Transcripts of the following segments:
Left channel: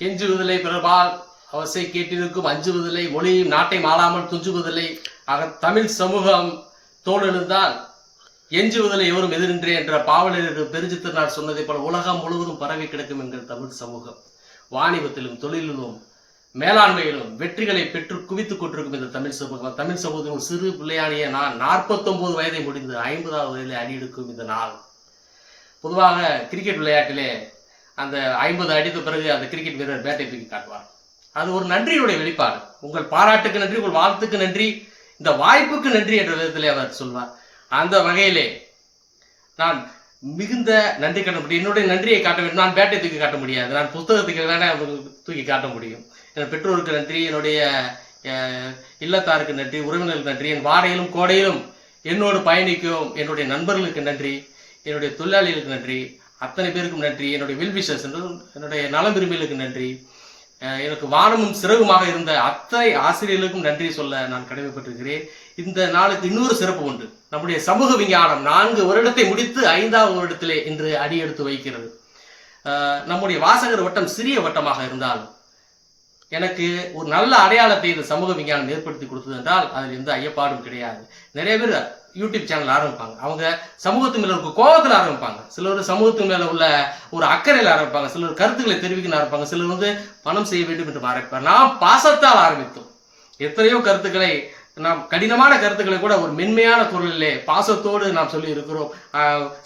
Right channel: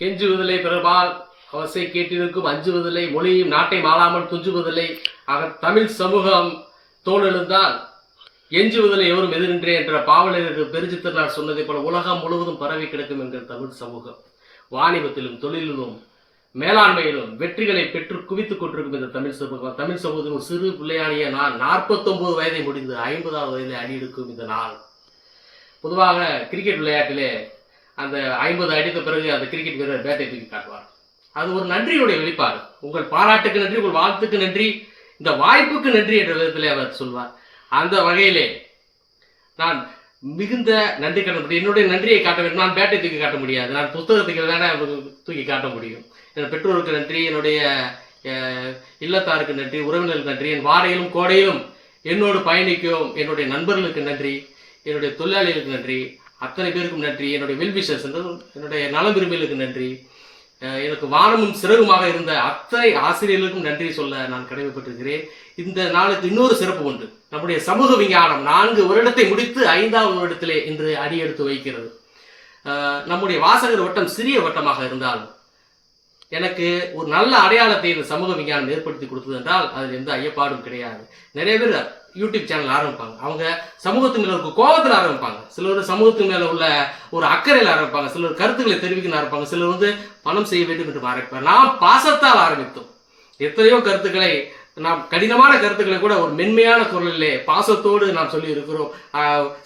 கெஞ்சுவதில்லை பிறபால் அவசை கேட்டிருக்கும் அஞ்சுவதில்லை மொழியும் நாட்டை மாளாமல் துஞ்சுவதில்லை ஆக தமிழ் சமூகம் தோலெழுந்தால் எஞ்சுவதில்லை எவரும் எதிரின்றே என்ற பாவலருக்கு பெருஞ்சித்திரனார் சொன்னதை போல உலகம் முழுவதும் பரவி கிடக்கும் என்கிற தமிழ் சமூகம் வாணிபத்திலும் தொழிலிலும் மேலாண்மையிலும் வெற்றிகளை பெற்று குவித்துக் கொண்டிருக்கும் இந்த தமிழ் சமூகத்தின் ஒரு சிறு பிள்ளையானிய நான் 49 வயதை முடிந்து 50வது வயதில் அடியெடுக்கும் இந்த நாள். பொதுவாக கிரிக்கெட் விளையாட்டிலே அந்த 50 அடித்த பிறகு அந்த கிரிக்கெட் வீரர் பேட்டை தூக்கி காட்டுவார். அது ஒரு நன்றியுடைய வெளிப்பாடு. உங்கள் பாராட்டுக்கு நன்றி, உங்கள் வாழ்த்துக்கு நன்றி, இந்த வாய்ப்புக்கு நன்றி என்ற விதத்திலே அவர் சொல்வார். அந்த வகையிலே நான் மிகுந்த நன்றி காட்ட முடியும். என்னுடைய நன்றியை காட்ட வேண்டும். நான் பேட்டை தூக்கி காட்ட முடியாது. நான் புத்தகத்துக்கு வேணா தூக்கி காட்ட முடியும். என் பெற்றோருக்கு நன்றி, என்னுடைய இல்லத்தாருக்கு நன்றி, உறவினர்களுக்கு நன்றி, என் வாரையிலும் கோடையிலும் என்னோடு பயணிக்கும் என்னுடைய நண்பர்களுக்கு நன்றி, என்னுடைய தொழிலாளிகளுக்கு நன்றி, அத்தனை பேருக்கும் நன்றி, என்னுடைய வெல்விஷர்ஸ் என்னுடைய நலம் விரும்பிகளுக்கு நன்றி, எனக்கு வானமும் சிறகுமாக இருந்த அத்தனை ஆசிரியர்களுக்கும் நன்றி சொல்ல நான் கடமைப்பட்டிருக்கிறேன். இந்த நாளுக்கு இன்னொரு சிறப்பு உண்டு. நம்முடைய சமூக விஞ்ஞானம் 4 வருடத்தை முடித்து 5வது வருடத்திலே இன்று அடியெடுத்து வைக்கிறது. நம்முடைய வாசகர் வட்டம் சிறிய வட்டமாக இருந்தாலும் எனக்கு ஒரு நல்ல அடையாளத்தை இந்த சமூக விஞ்ஞானம் ஏற்படுத்தி கொடுத்தது என்றால் அதில் எந்த ஐயப்பாடும் கிடையாது. நிறைய பேர் யூடியூப் சேனல் ஆரம்பிப்பாங்க. அவங்க சமூகத்து மேல இருக்க கோபத்தில் ஆரம்பிப்பாங்க. சிலர் சமூகத்து மேல உள்ள ஒரு அக்கறையில் ஆரம்பிப்பாங்க. சிலர் கருத்துக்களை தெரிவிக்க ஆரம்பிப்பாங்க. சிலர் பணம் செய்ய வேண்டும் என்று ஆரம்பிப்பாங்க. நாம் பாசத்தால் ஆரம்பித்தோம். எத்தனையோ கருத்துக்களை, நாம் கடினமான கருத்துக்களை கூட ஒரு மென்மையான குரலிலே பாசத்தோடு நாம் சொல்லி இருக்கிறோம்.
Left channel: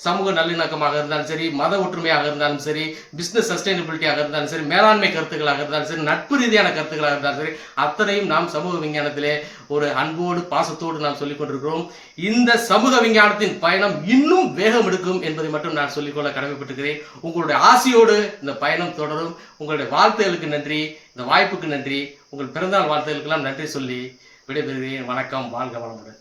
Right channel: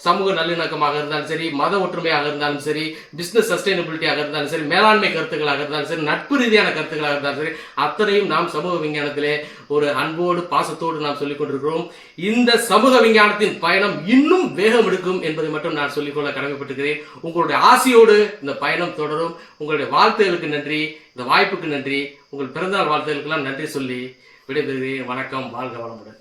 சமூக நல்லிணக்கமாக இருந்தாலும் சரி, மத ஒற்றுமையாக இருந்தாலும் சரி, பிசினஸ் சஸ்டைனபிலிட்டியாக இருந்தாலும் சரி, மேலாண்மை கருத்துக்களாக இருந்தாலும் சரி, நட்பு ரீதியான கருத்துக்களாக இருந்தாலும் சரி, அத்தனையும் நாம் சமூக விஞ்ஞானத்திலே ஒரு அன்போடு பாசத்தோடு நாம் சொல்லிக் கொண்டிருக்கிறோம். இந்த சமூக விஞ்ஞானத்தின் பயணம் இன்னும் வேகம் எடுக்கும் என்பதை மட்டும் நான் சொல்லிக்கொள்ள கடமைப்பட்டிருக்கிறேன். உங்களுடைய ஆசையோடு இந்த பயணம் தொடரும். உங்களுடைய வாழ்த்துகளுக்கு நன்றி, இந்த வாய்ப்புக்கு நன்றி, உங்கள் பிறந்தநாள் வாழ்த்துகளுக்கெல்லாம் நன்றி சொல்லி விடைபெறுகிறேன். வணக்கம். வாழ்க வளமுடன்.